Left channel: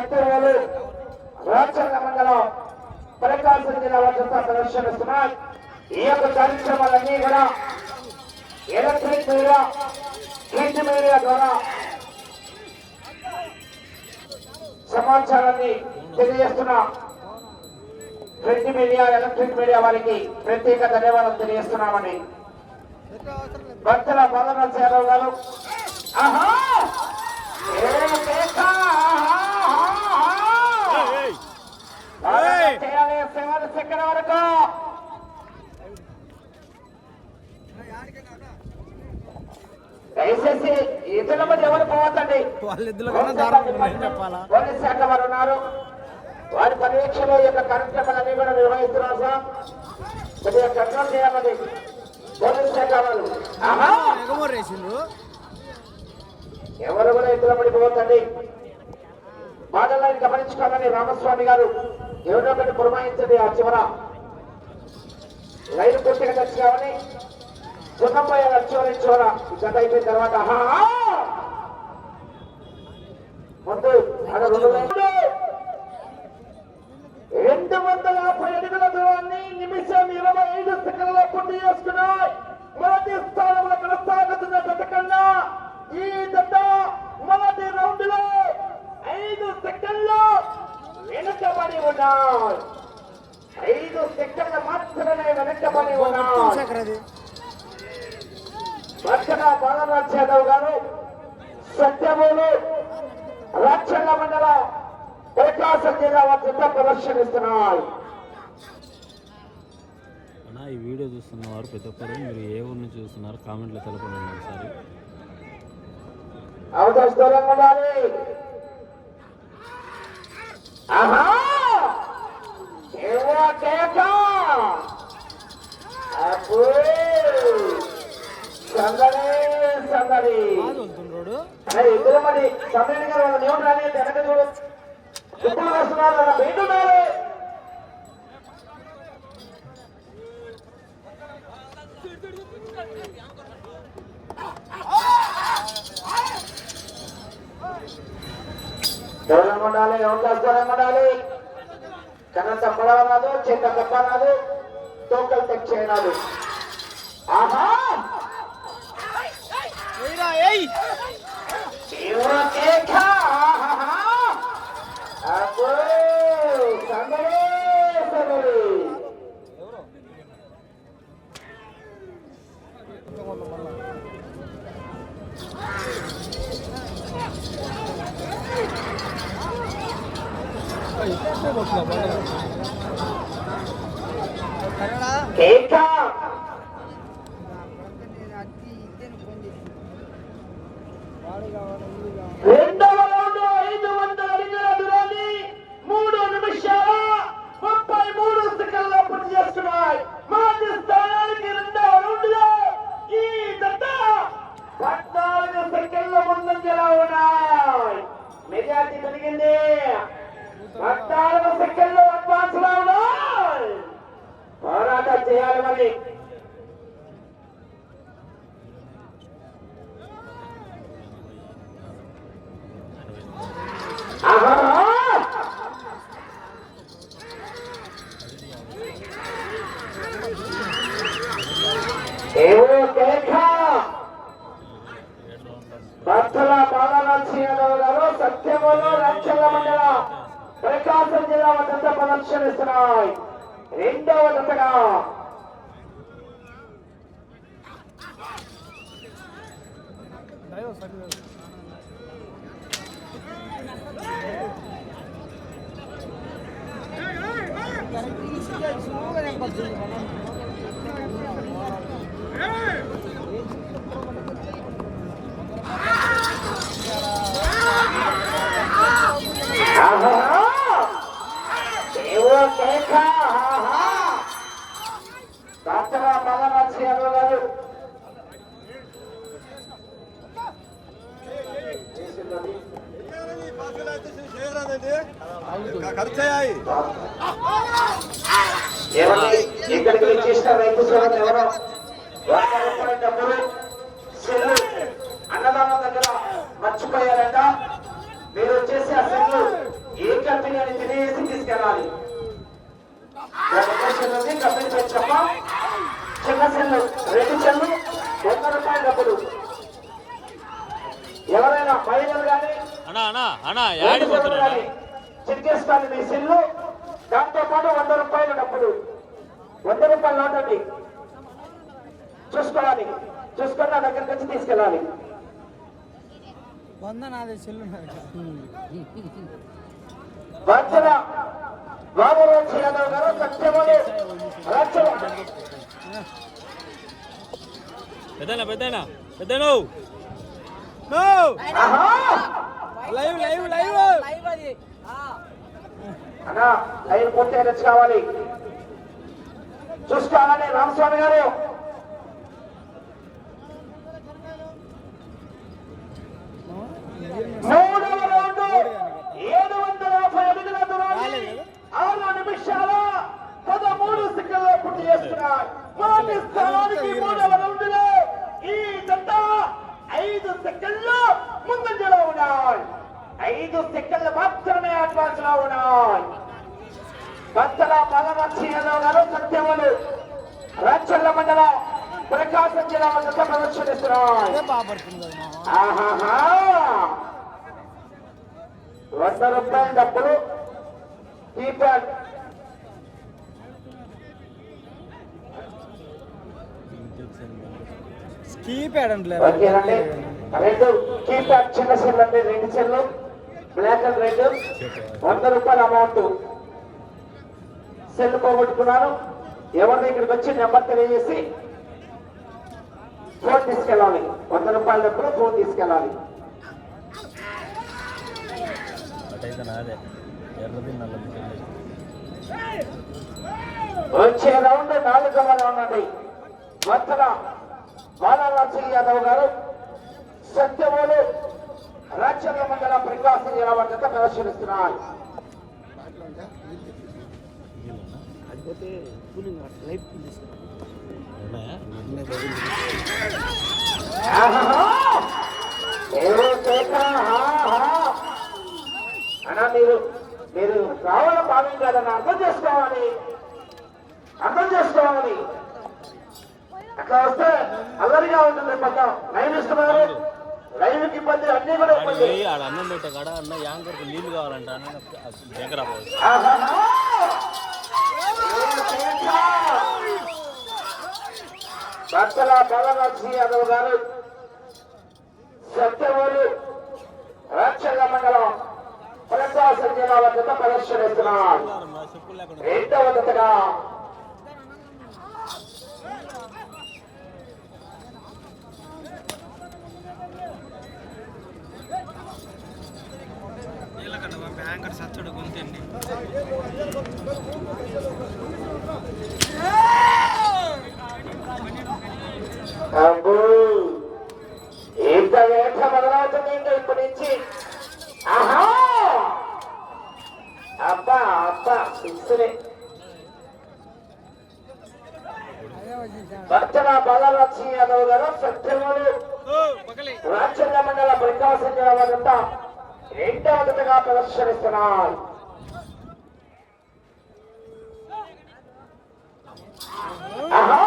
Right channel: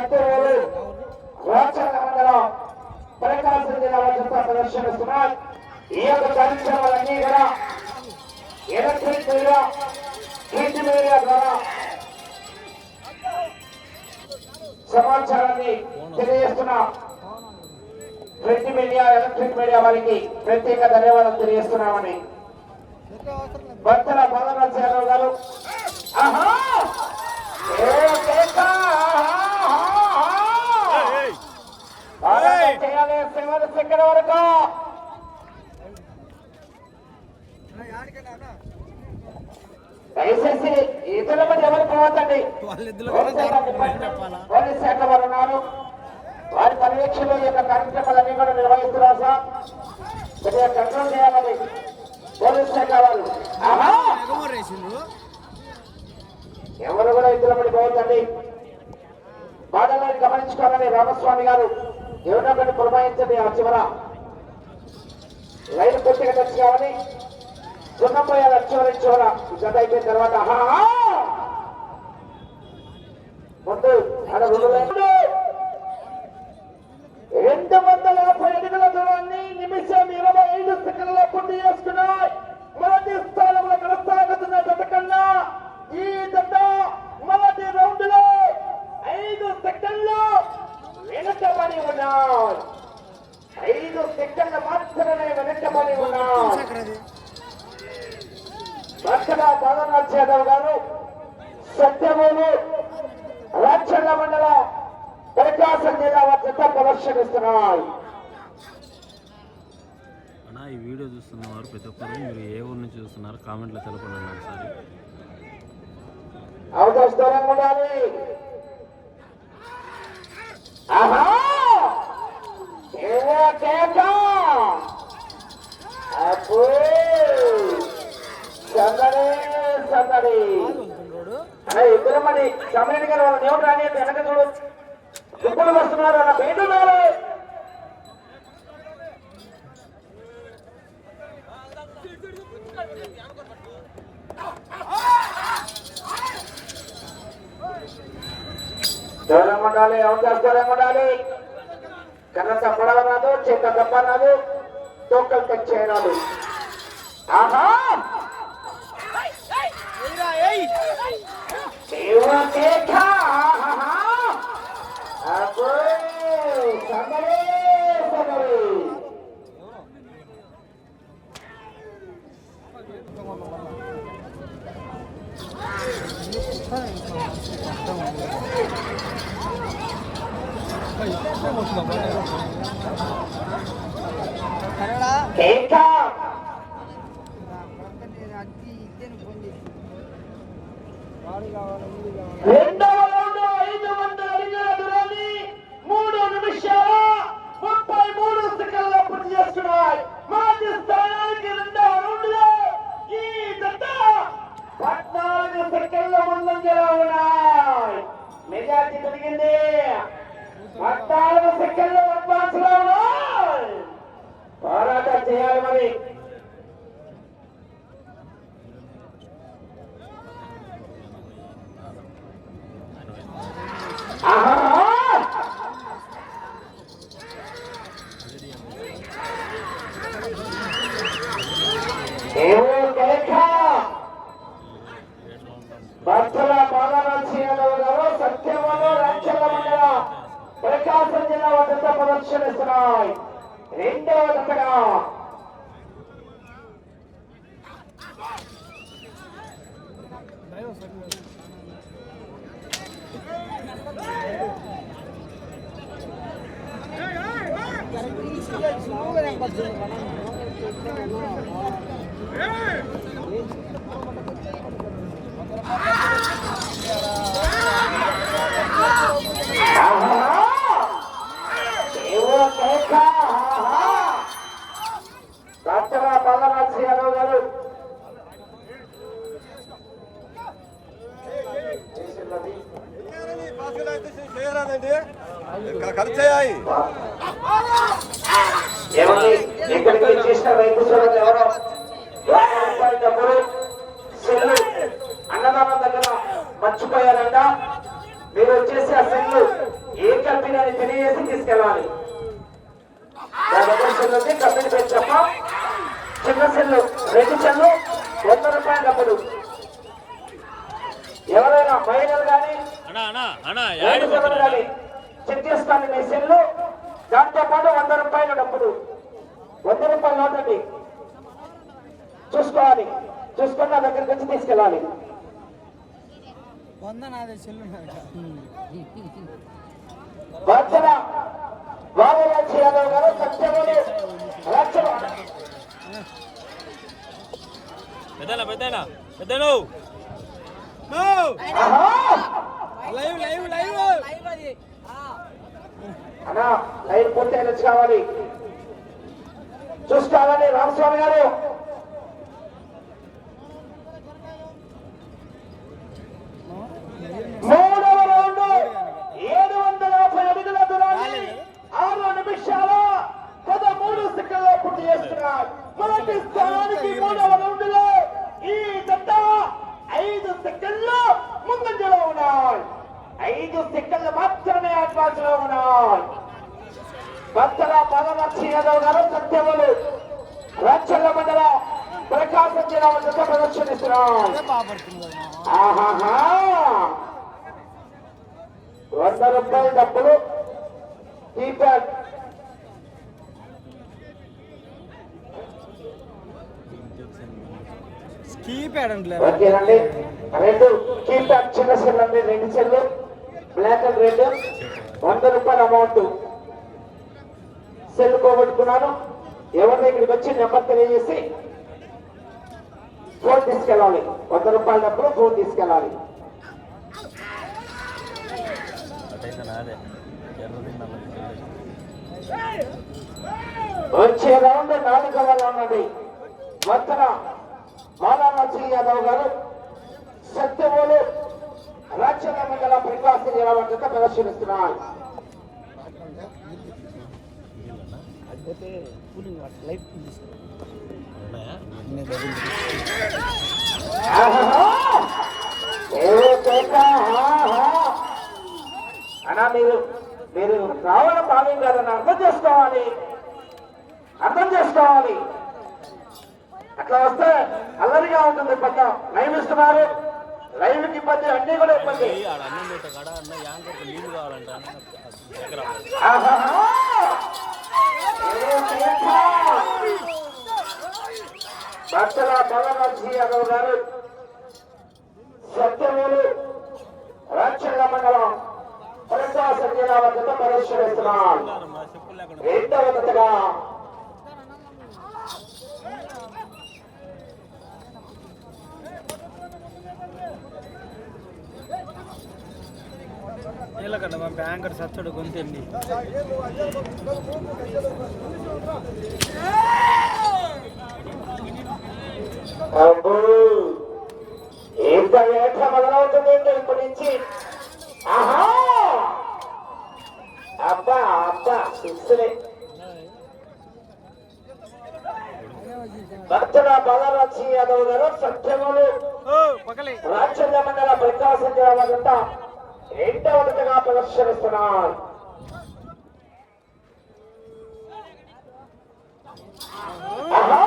సత్యవేలు రాచర్ల మండలం ప్రకాశం జిల్లా వద్ద ప్రదర్శనిస్తున్నారు ఈ యొక్క కార్యక్రమాలన్నీ కూడా ఎలక్ట్రిక్ మీడియా ప్రింట్ మీడియా ద్వారా సమాచారాన్ని తెలియజేస్తున్న ప్రింట్ మీడియా ఎలక్ట్రిక్ మీడియా వారికి ప్రత్యేక ధన్యవాదాలు తెలియజేస్తున్నామని భక్తుల బాలరాజ్ యాదవ్ గారు ఆహా! సెవెన్ సెకండ్ వరకు. దయచేసి ఇతరుల మధ్య ఎవరు పోవద్దండి? పోలీస్ శాఖ వారు ఉన్నారు. వారి పర్యవేక్షణలో యొక్క కార్యక్రమాలన్నీ కూడా నిర్వహిస్తున్నారు సార్. కొద్దిగా కంట్రోల్ చేయాలని పోలీస్ శాఖ వాళ్ళు ఎవరు కూడా ఇద్దరు పడి పోవద్దండి. బాధలాన్ని గమనించుకోవాలని రామస్వామి గారు ఎవరో ఒకటి పురమాయించండి ఆ చివర. లైన్ కొట్టుకు తెచ్చుకోమని సున్నపోయాలి చివరి చివర. ఈ జత అయిపోయిన తర్వాత ముందు ఆడ రెండు రెండు వందల యాభై అడుగుల దూరాన్ని నిమిషం ఇరవై ఐదు సెకండ్ల పూర్తి చేసుకున్నాయి. మొదటి స్థానంలో కొనసాగుతున్న జత కన్నా ఈ జత మొదటి రౌండ్లో ఐదు సెకండ్లు వెనుకబడి ఉన్నాయి ఐదు సెకండ్లు మాత్రమే వెనుకబడి చక్రది రక్షణ బాలరాజ్ యాదవ్ గారు సత్యమూలు. రాక్షణ మండల ప్రకాశం జిల్లా వద్ద ప్రదర్శనిస్తున్నారు అన్నా ఈ వీడియో చూస్తున్న వారు ప్రతి ఒక్కరు మీరు ఏ ఊరు నుంచి చూస్తున్నారు? కామెంట్లో తెలపండి ఒకసారి. అవకాశం ఉండాలి. ఇద్దరు మరి సమయానికి వాళ్ళు దేవుడు రాని వెనక చూడు. కుప్పలు వస్తున్నారు అన్న ఉన్నారు ధైర్యం ఉండాలి అవకాశం ఉండాలి కన్నంత పొడవ రాదు చేత దెబ్బ రాదు తొక్కలు తెచ్చేయరాదు ఆహా! Ewa Keka! Apoy! Sangare! Sangare! Keka! రెండవ రౌండ్ ఐదు వందల అడుగుల దూరాన్ని మూడు నిమిషాల ముప్పై మూడు సెకండ్ల పూర్తి చేసుకున్నాయి మొదటి స్థానానికి రెండవ రౌండ్లో ఈ జత పద్నాలుగు సెకండ్ల ముందంజలో ఉన్నాయి మెజార్టీ పెరిగింది పద్నాలుగు సెకండ్లు అడ్వాన్స్లో ఉన్నాయి పోరాటం చేయాలి మరి ఆహా! ఏవో కేక! భక్తుల పాదరక్షణలో గారు సత్యములు లక్షల మండల ప్రకాశం జిల్లా వద్ద ప్రదర్శనిస్తున్నాయి రెండవ దశగా ఆహా! కేక! ఆహా! భక్తుల గారు ఏమండి ఇక్కడికి వచ్చేసిన ఎవరో రూపాయల డబ్బులు సెల్లు అన్నదానం దగ్గర మర్చిపోయారంట మీరు వచ్చేసి ఆ సెల్లు ఏ కంపెనీ అని తెలియజేసి తీసుకెళ్ళాలి ఉంది కంపెనీ పేరు చెప్ప చిన్న సెల్లు రెండు సెల్లు వంద రూపాయల డబ్బులు ఎవరైనా మహిళలు కానీ అన్నా అన్నా అన్నా యాడ్ ఎవరు చెక్ చేసుకోండి మీ సెల్లు దాంతో పాటు వంద రూపాయల డబ్బులు వంద రూపాయలు నోటండి చూసుకోవాలి. చూసుకొని నా దగ్గరికి వచ్చి తీసుకెళ్ళాలి. వంద నాది చెల్లు యాదవ్ గారు పెద్దనా పెద్దనా పెద్దను. Live live live. అన్నా లైన్ పూర్తి రచ్ కావాలి చూసుకోవాలండి రామస్వామి గారు మూడవ రౌండ్ ఏడు వందల యాభై అడుగుల దూరాన్ని ఆరు నిమిషాల పదమూడు సెకండ్ల పూర్తి చేస్తున్నారు మొదటి స్థానానికి మూడవ రౌండ్లో ఈ జంట ఐదు సెకండ్లు ముందంజలో ఉన్నాయి. ఐదు సెకండ్లు మాత్రమే అడ్వాన్స్లో ఉన్నాయి. భక్తుల పల్లవచ్చి యాదవ్ గారు సత్యములు రాచల్ల మండల ప్రకాశం జిల్లా వద్ద ప్రదర్శనిస్తున్నారు. వంద రూపాయల డబ్బులు కీప్యాడ్. అంటలేదు ఓకేనండి రెండు. కీప్యాడ్ చిన్న సెల్ అండి రెండు సెల్లు బ్లాక్ అండ్ రెడ్ వంద రూపాయల అమౌంట్ సెల్ పోగొట్టుకున్నాను. ఎవరిని ఇక్కడికి వచ్చి నెంబర్ తెలియజేసి ఫోన్ తీసుకెళ్ళాలి. వంద రూపాయల డబ్బులు ఫోన్ తీసుకెళ్ళాలి. వచ్చే రౌండ్ నాలుగవ రౌండ్ అండి. వత్తన బాలరాజు యాదవ్ గారు సత్యములు రాజ్యాంగ మండల ప్రకాశం జిల్లా వద్ద మీరు మీరు రావడం భావ్యం కాదని అర్థం చేసుకోవాలి. అర్థం చేసుకోవాలి. అట్లా వస్తే అల్లరిగా ఉంటుంది పక్క లైవ్ ఇస్తున్నారు లైవ్కి ఇబ్బంది అన్ని కూడా ఇబ్బంది పోయి ఆడ అన్నం పెట్టే కాడ అన్న యాంకర్కి నీళ్ళు కావాలంట అన్న దగ్గర ఆహాహా! ఏ కేక! భర్తల బలమర్జీ అన్న గారు సత్యమూలు రాక్షల మండలం ప్రకాశం జిల్లా వద్ద పరిశీలిస్తున్నారు మా చెప్పులు లేకుండా రెండవ జతగా నీళ్ళకంట మా బ్యాంకర్ సచ్చడు గొంతండి. అబ్బా అబ్బా యాదవ్ గారు రాజ్యాంగ మండల ప్రకాశం జిల్లా వద్ద రెండవ జతగా ప్రదర్శనిస్తున్నారు ఆహా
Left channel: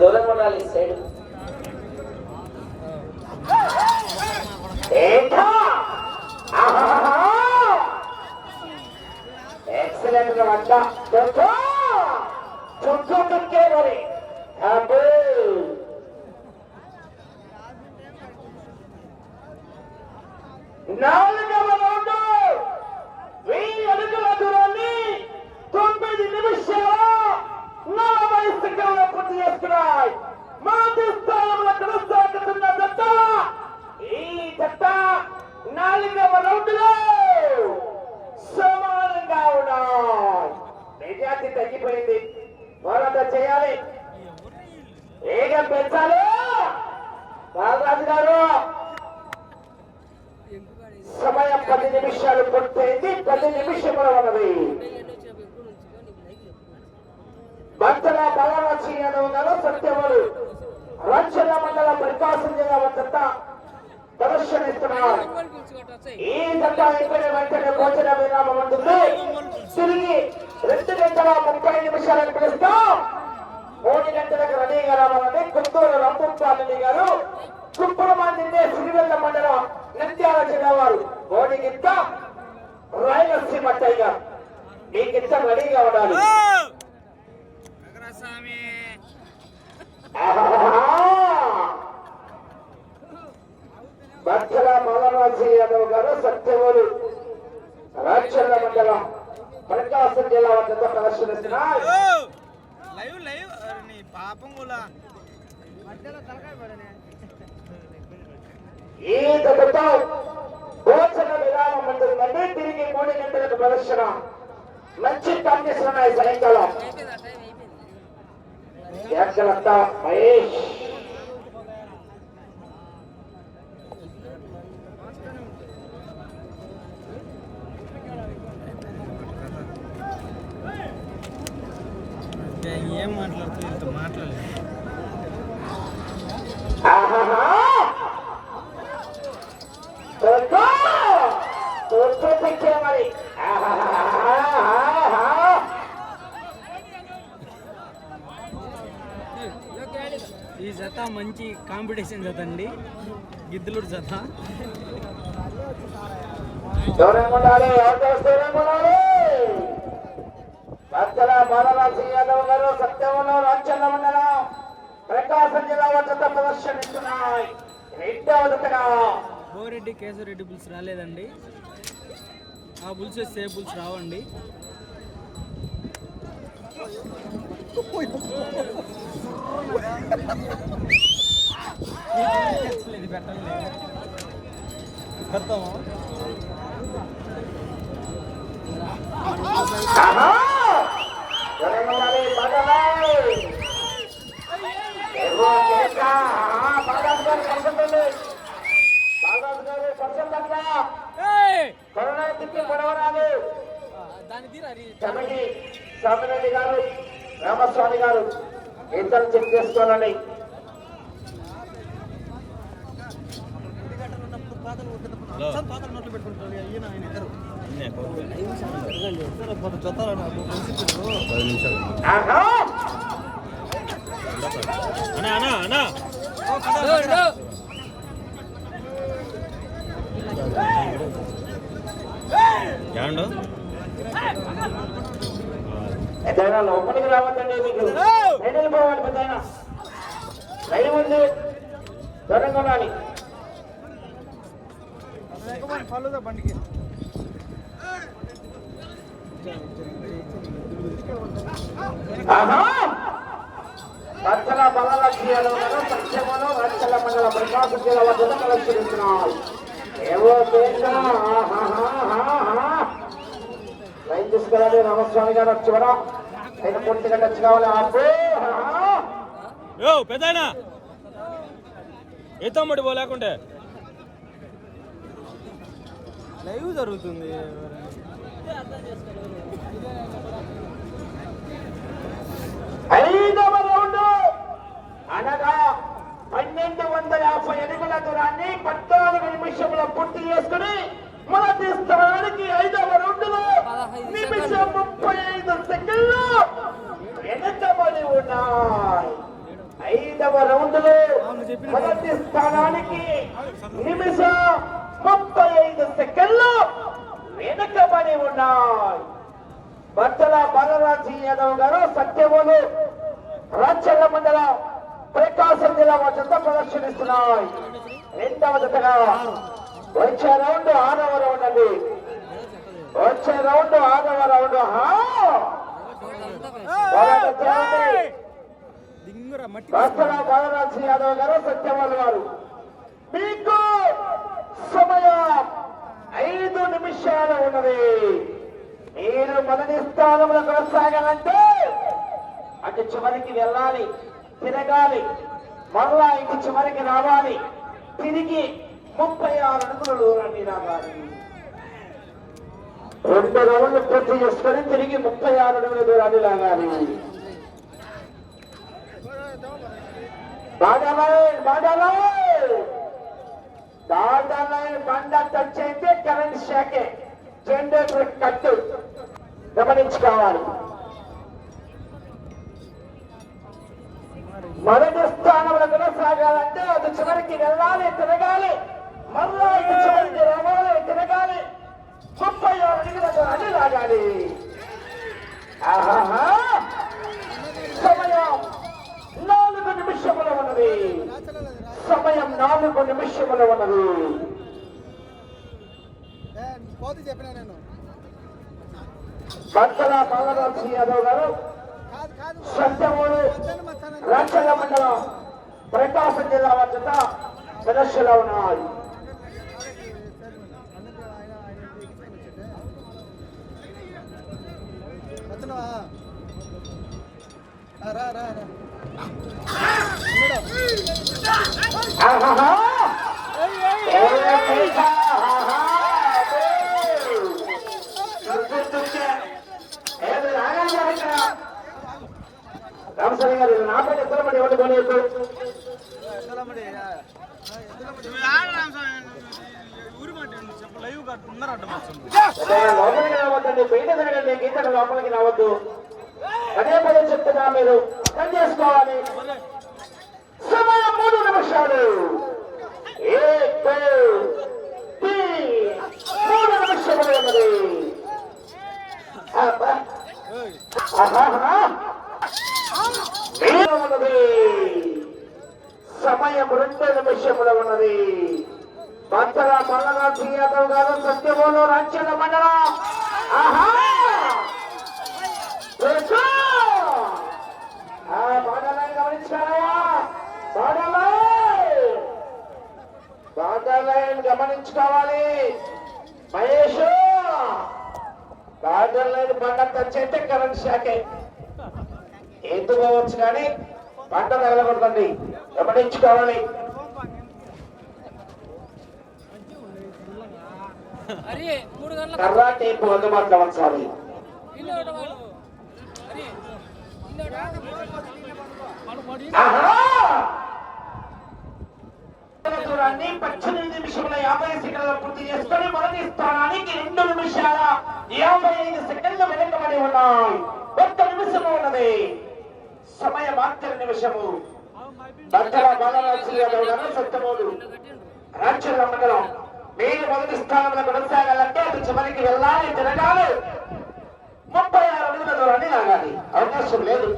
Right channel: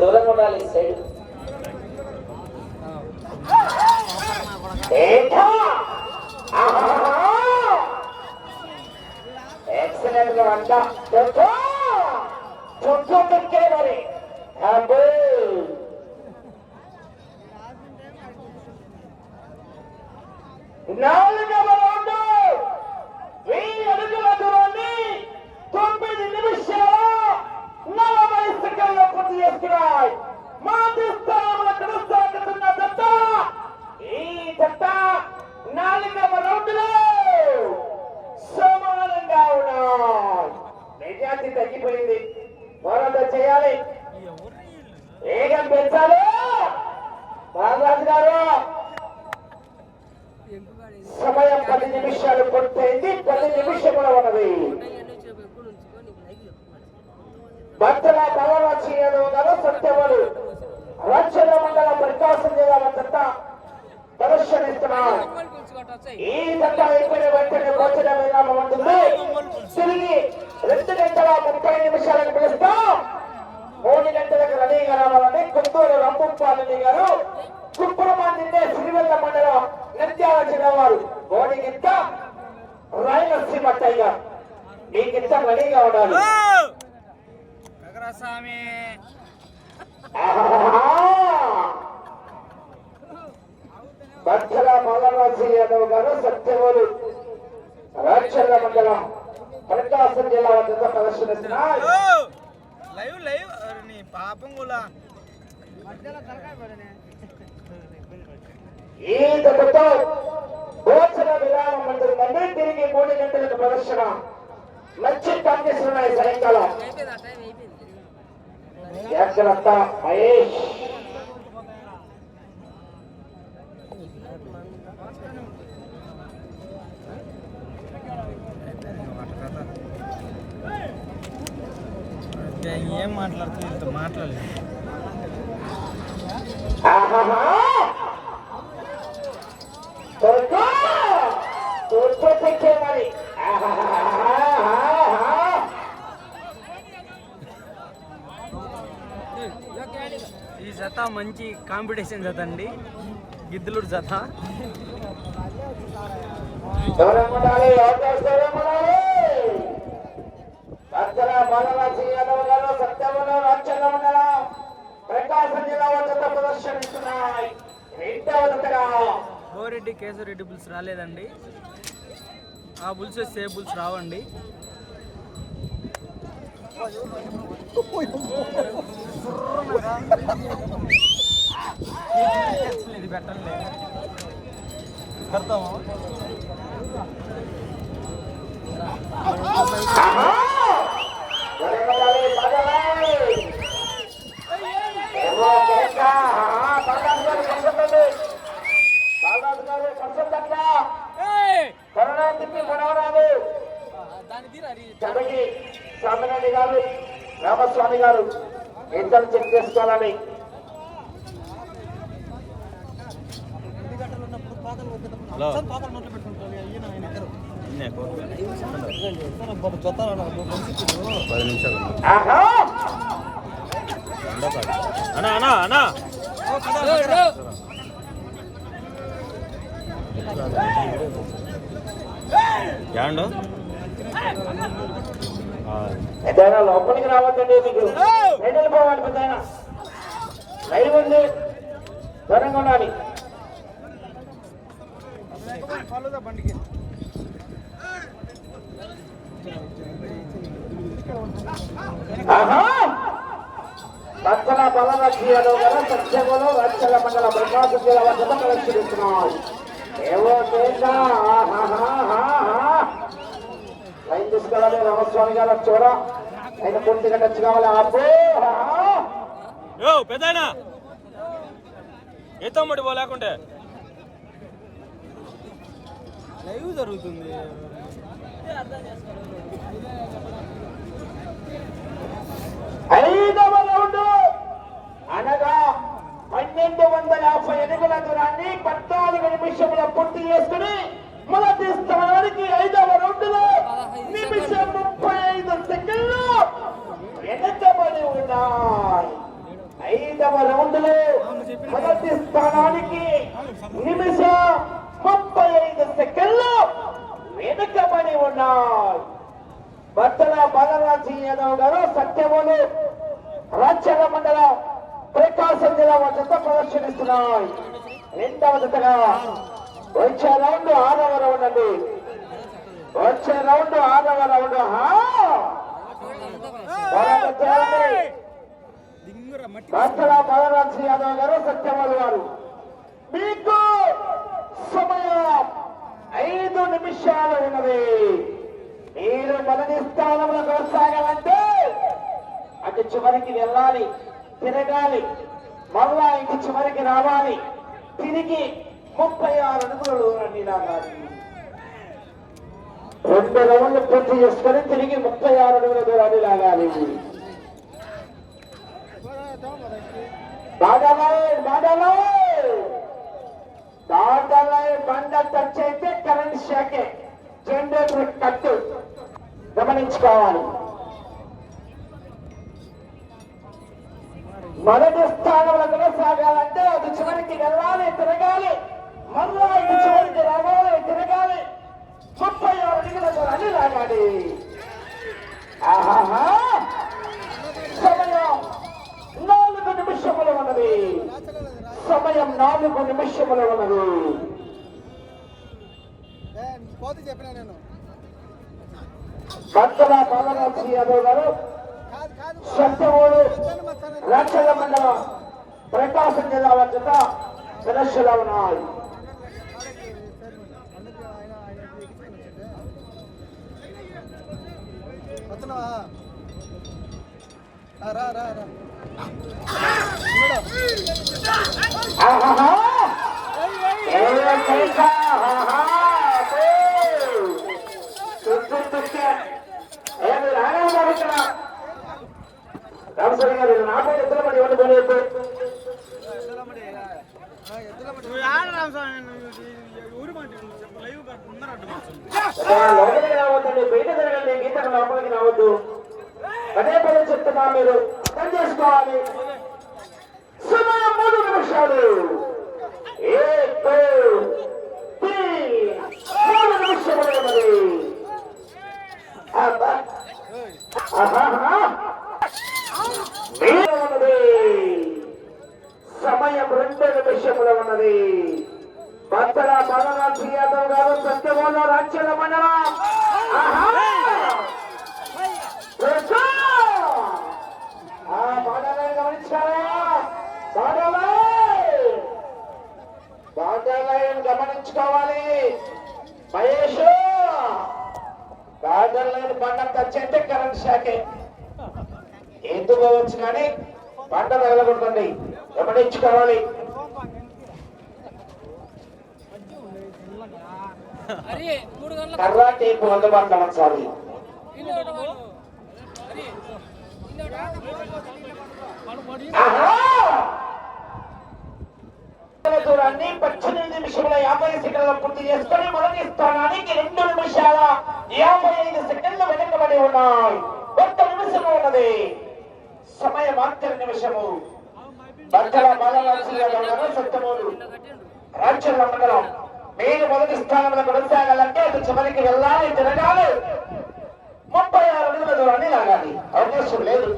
దూరం ఉండాలి సైడ్ ఎక్సలెంట్గా అంట చుట్టూ చుట్టే మరి అబ్బో నాలుగవ రౌండ్ వెయ్యి అడుగుల దూరాన్ని తొమ్మిది నిమిషాల నలభై సెకండ్లు పూర్తి చేసుకున్నాయి మొదటి స్థానంలో కొనసాగుతున్న జత ఈ జత నాలుగవ రౌండ్లో సమానంగా ఉన్నాయి మెజార్టీ తగ్గిపోయింది మరొక చేయాలి వేగం పెంచాలి బాలరాజు గారు సమయం పది నిమిషాలు పూర్తయింది పది నిమిషములు ఉన్నది. భక్తుల బలరాజు యాదవ్ సత్యములు. రాజ్యాల మండల ప్రకాశం జిల్లా చెత్త ప్రదర్శనిస్తున్నారు ఈ చెత్త అయిపోయిన వెంటనే భోజన విరామం ఉంటుంది తిరిగి రెండు గంటల ముప్పై నిమిషాలకు పిలుస్తాం. మూడు గంటలకు రెడీగా రావాలని కొత్తూరు రంభపాలని గారు. కుప్పమాందినే సిరివెల్ల మండలం. నిత్యాల చిన్నవారు గోడిగిత్త రాయలసీమ టైగర్ మీకింత రెడీగా ఉండాలి. స్వామి భక్తుల మల్లరాజు యాదవ్ గారు సత్యవూరు రాక్షల మండలం ప్రకాశం జిల్లా వద్ద ప్రదర్శనిస్తున్నారు లైవ్ లైవ్ పాపం కూడా. మధ్యలో తలకాయ పడనే ఈ దెబ్బతో భోజన విరామం ఉంటుందండి తిరిగి మూడు గంటలకు ప్రదర్శన. మంచి ఉన్నాయి సాయంకాలం. మహేష్. ఏం మాట్లాడుతుంది మాట్లాడలేదు. మంచి కాంపిటీషన్ జత అండి. గిద్దలూరు జత. ఎవరేం కొనాలి? ఎవరు చేస్తారు ఏం కొనాలి? అచ్చల బాలరాజు యాదవ్ గారు సత్యవన రాజ్యాల మండలం ప్రకాశం జిల్లా వద్ద ప్రదర్శనిస్తున్నాయి. రెండవ జతగా బోరెడ్డి కేశవరెడ్డి బుల్స్ రాలేదండి. ఆ బుల్స్ వస్తే బుల్స్ రావండి. ఇది పెట్టండి పెడతాము ఆహా! ఎవరేం కొనాలి? బాలరాజు! ఏవో కేక! ఆహా! బాలరాజు గారు పర్సెంట్ బాలరాజు గారు పర్సెంట్ అక్కడ కరోనా తిప్పి మనవరాలు దాని తీరా అది చదకి సామిరెడ్డి గారు రామస్వామి గారు ఇద్దరు చెక్ చేసుకోవాలని పది నిమిషాలు. అన్నా అన్నా అన్నా. యాండో లోపలికి రావద్దండి మీకు. బయట వెళ్ళిపోవాలి పెద్ద లైవ్ ఉంది దూరంగా ఉండాలి గల సత్యములు లక్షల మండల ప్రకాశం జిల్లా వద్ద. లైన్ తీసుకెళ్ళాలి. రామస్వామి గారు చూడ ఆయన పూర్తిగా టచ్ కావాలి. యో పెద్దనా ఏ తమ్ముడు పోలేకుంటే లైవ్ జరుగుతుంది. ఐదవ రౌండ్. అనగా పన్నెండు వందల యాభై అడుగుల దూరాన్ని పద్నాలుగు నిమిషముల పూర్తి చేసుకుని మొదటి స్థానానికి ఐదవ రౌండ్లో నిమిషం ముప్పై ఐదు సెకండ్లు వెనకబడి ఉన్నాయి. ఐదవ రౌండ్లో మొదటి స్థానానికి నిమిషం ముప్పై ఐదు సెకండ్లు వెనుకబడి ఉన్నాయి. బట్టల బాలరాజు యాదవ్ గారు సత్యములు రాజ్యాంగ మండలం ప్రకాశం జిల్లా చెత్త ప్రదర్శనిస్తున్నాయి. రెండవ జతగా వచ్చే రౌండ్ ఆరవ రౌండ్ అండి. వచ్చే రౌండ్ ఆరవ రౌండ్. హా! బాలరాజు యాదవ్ గారు సత్యవాల గారు మీకు సమయం. ఐదు నిమిషాలు ఉన్నది మీరు మొదటి స్థానంలో కొనసాగాలంటే అటు చివరికి వెళ్ళాలి తిరగాలి మళ్ళా ఇటు చివరికి రావాలి. తిరిగి ముప్పై ఆరు అడుగుల దూరాన్ని రావాలి రెండు రౌండ్లు పూర్తి చేసుకొని తిరిగి ముప్పై ఆరు అడుగుల దూరాన్ని లాగాలి. దాదాలై దాదాలై దాదాలై బండ టచ్ అయితే కరెంట్ షాకే జనరేటర్ కట్టు. గమనించుకోవాలి. మొదటి స్థానంలో కొనసాగాలంటే అది చివరికి వెళ్ళాలి తిరగాలి. చివరికి రావాలి తిరగాలి. ముప్పై ఆరు అడుగులకు అన్ని లాగాలి. సమయం నాలుగు నిమిషములు ఉన్నది. సమయం నాలుగు నిమిషములు ఉన్నది. చెప్పినా నేను. భక్తుల పల్లరాజు యాదవ్ గారు సత్యమూడు రాచల మండలం ప్రకాశం జిల్లా వద్ద సదస్సులో ఉన్నాయి లోపలికి రావద్దు అదే పని చెప్తున్నా మీరు అర్థం చేసుకోవాలి నిమిషాలు. మూడు నిమిషములు ఉన్నది సమయం రెండు నిమిషములు ఉన్నది. భద్ర బలరాజు యాదవ్ గారు సత్యమూల రక్షణ మండలం ఆహా! లెక్కో! ఆ బాణాలను గమనించారా? బాణాలు! బాణాలను గమనించుకోవాలి మహేష్ బాణాలను బండ షాకే ఎందుకు పోవచ్చు కానీ పంట మూడు గంటల కర్ర టేపు అందుబాటులో ఉంచాలి! దూరాన్ని పద్దెనిమిది నిమిషముల యాభై సెకండ్లు పూర్తి చేసుకొని మొదటి స్థానానికి రెండు నిమిషాల యాభై ఐదు సెకండ్లు వెనుకబడి ఉన్నాయి. నిమిషం ఉన్నది. సమయం ఆఖరి నిమిషము. భద్ర బాలరాజు సత్యమూలు రాజ్యాంగ మండలం మీరు మొదటి స్థానంలో కొనసాగాలంటే అటు చివరికి వెళ్ళాలి తిరగాలి. ముప్పై ఆరు అడుగుల దూరాన్ని లాగాలి అవకాశం లేదు.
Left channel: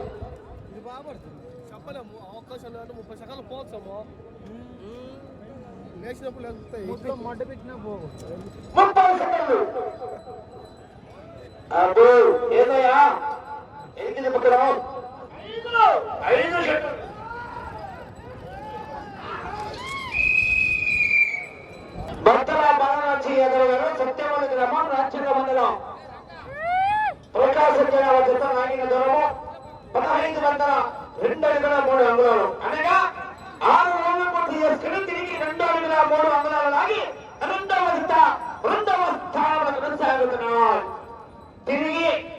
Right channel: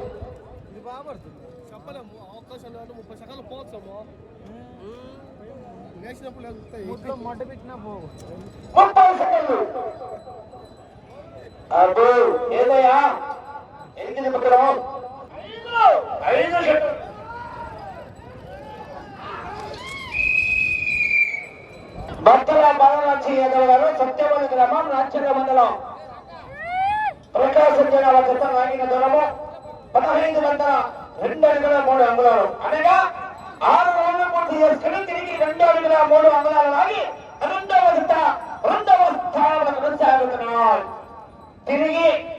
ముప్పై సెకండ్లు ఏదయ్యా? ఎన్ని తిప్పుతున్నావు ఐదు ఐదు సెకండ్లు భర్తల బాలరాజు యాదవ్ గారు సత్యవతి గ్రామం రాజ్యాంగ మండలం. ప్రకాశం జిల్లా జత నాగిన దూరము పదహైదు వందల రెండు అడుగుల మూడు అంగుళాలు. అనగా ఆరు రోజులు పూర్తి చేసుకుని తిరిగి రెండు అడుగుల మూడు అంగుళాలు లాగి రెండవ రెండవ స్థానంలో కొనసాగుతున్నాం. తిరిగి